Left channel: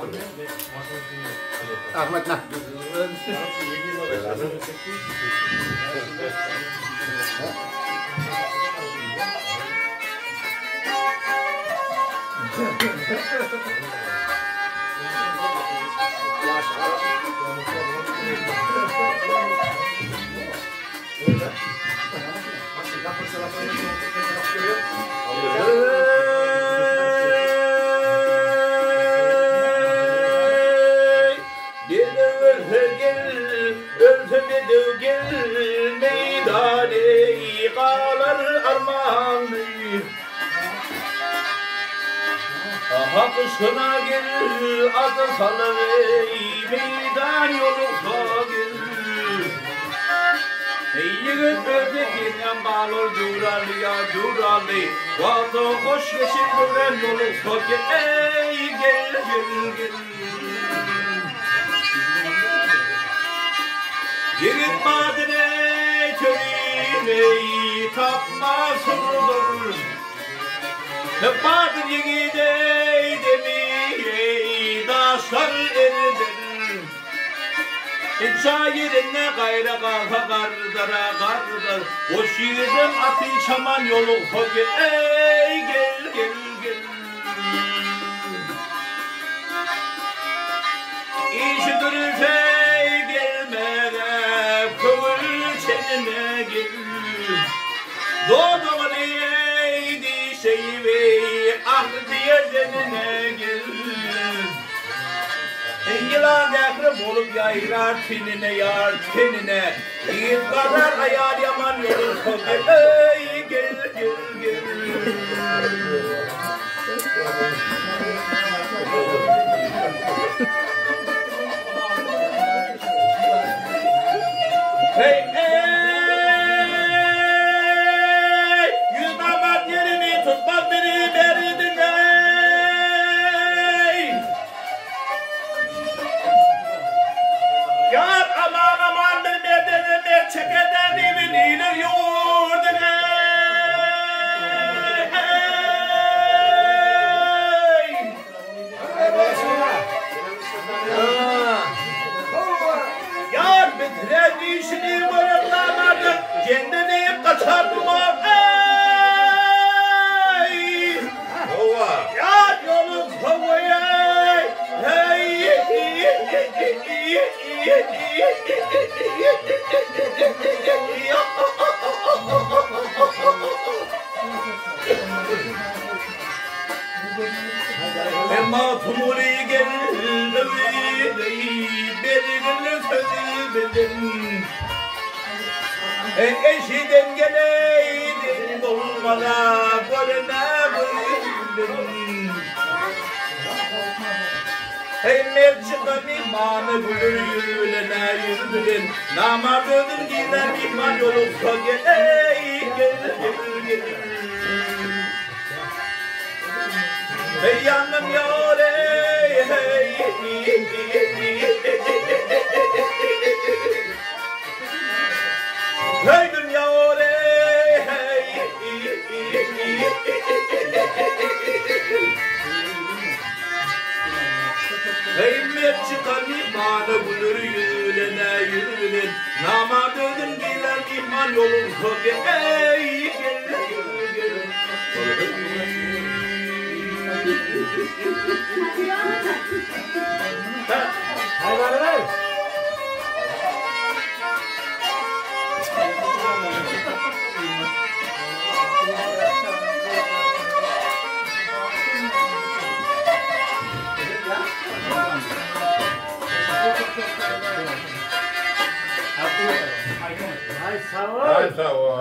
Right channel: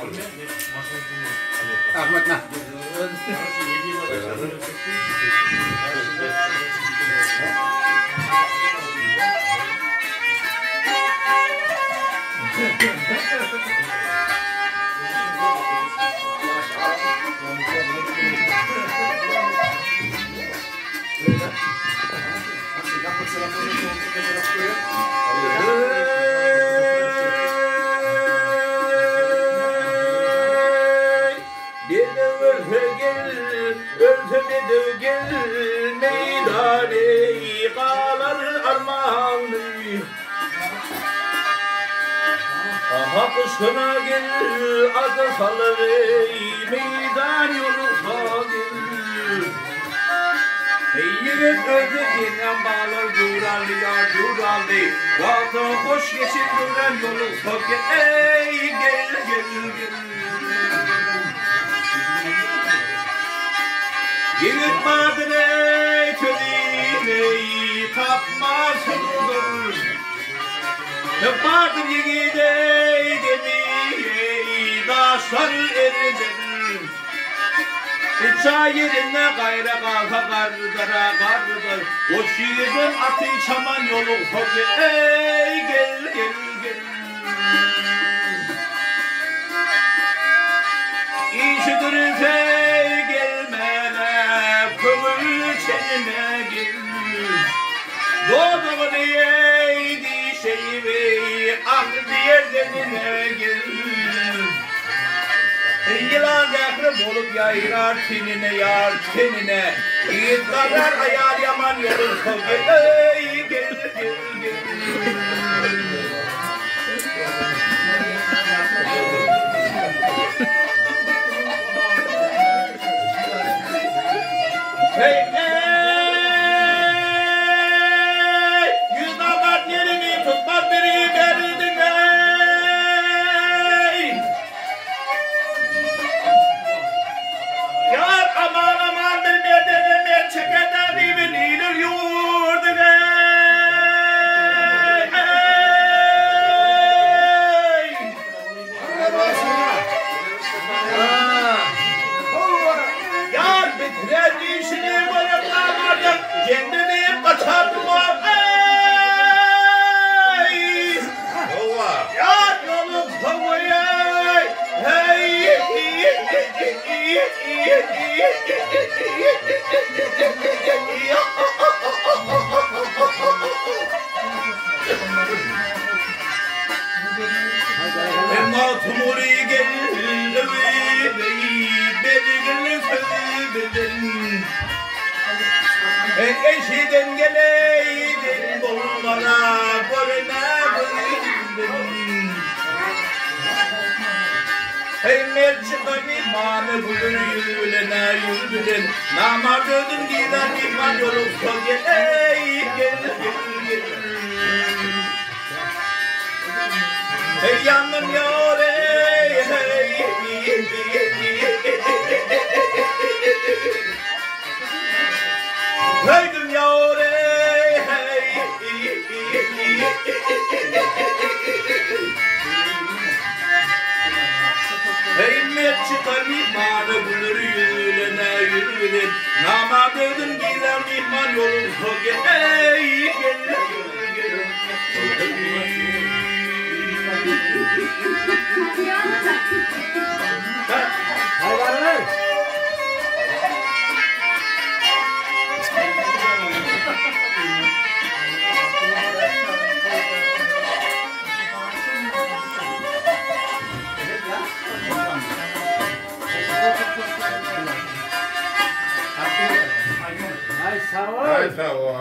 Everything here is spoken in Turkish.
Ahmet nah. Hakkısına gel, adı salıvey, meydan yolukta gel. Yiğit özdekinden bağlar curalı ya curalı, vadı hoş geçin duran yolukta gel, ey gel gel gel. Yiğit madene törine tapma sırdır. Vardır yiğidey demiyey, daşlar eridir. Şairine gayre kalka kardıra kardır. O şiirin atı çaman yolu koki, ey gel gel gel. İşidir fey gelmene, kıvır çenine gel. Doğduğunu yeydi şeyi, ah diye zenine gel. Yılan yakrım olup yayrar tenine yar tenine. Yiğit kadar ayar yaman yolun kogi, ey gel gel gel. Hey hey. Tutmaz biri verdin ey. Yar aman aman bilmeden çekeden bilinir yurdun ey. Yar bitiren işini boyatlamadın, kendini kaçartma ey. Yar yolun havaya, hey, Emma tumuri geldi, bergin sözübildin. Eşiden geleydin, bulmana görüne bildin. Hey merçikan imanı buyur yürüne yürüdün. Namardın giden iman yoluksa gel, ey gel gel gel. Hey yandım yar ey hey. Hey dünya ey hey. Hey merçikan imanı bulur yürüne yürüdün. Namardın giden iman yoluksa gel, ey gel gel gel. Ay sağ ol.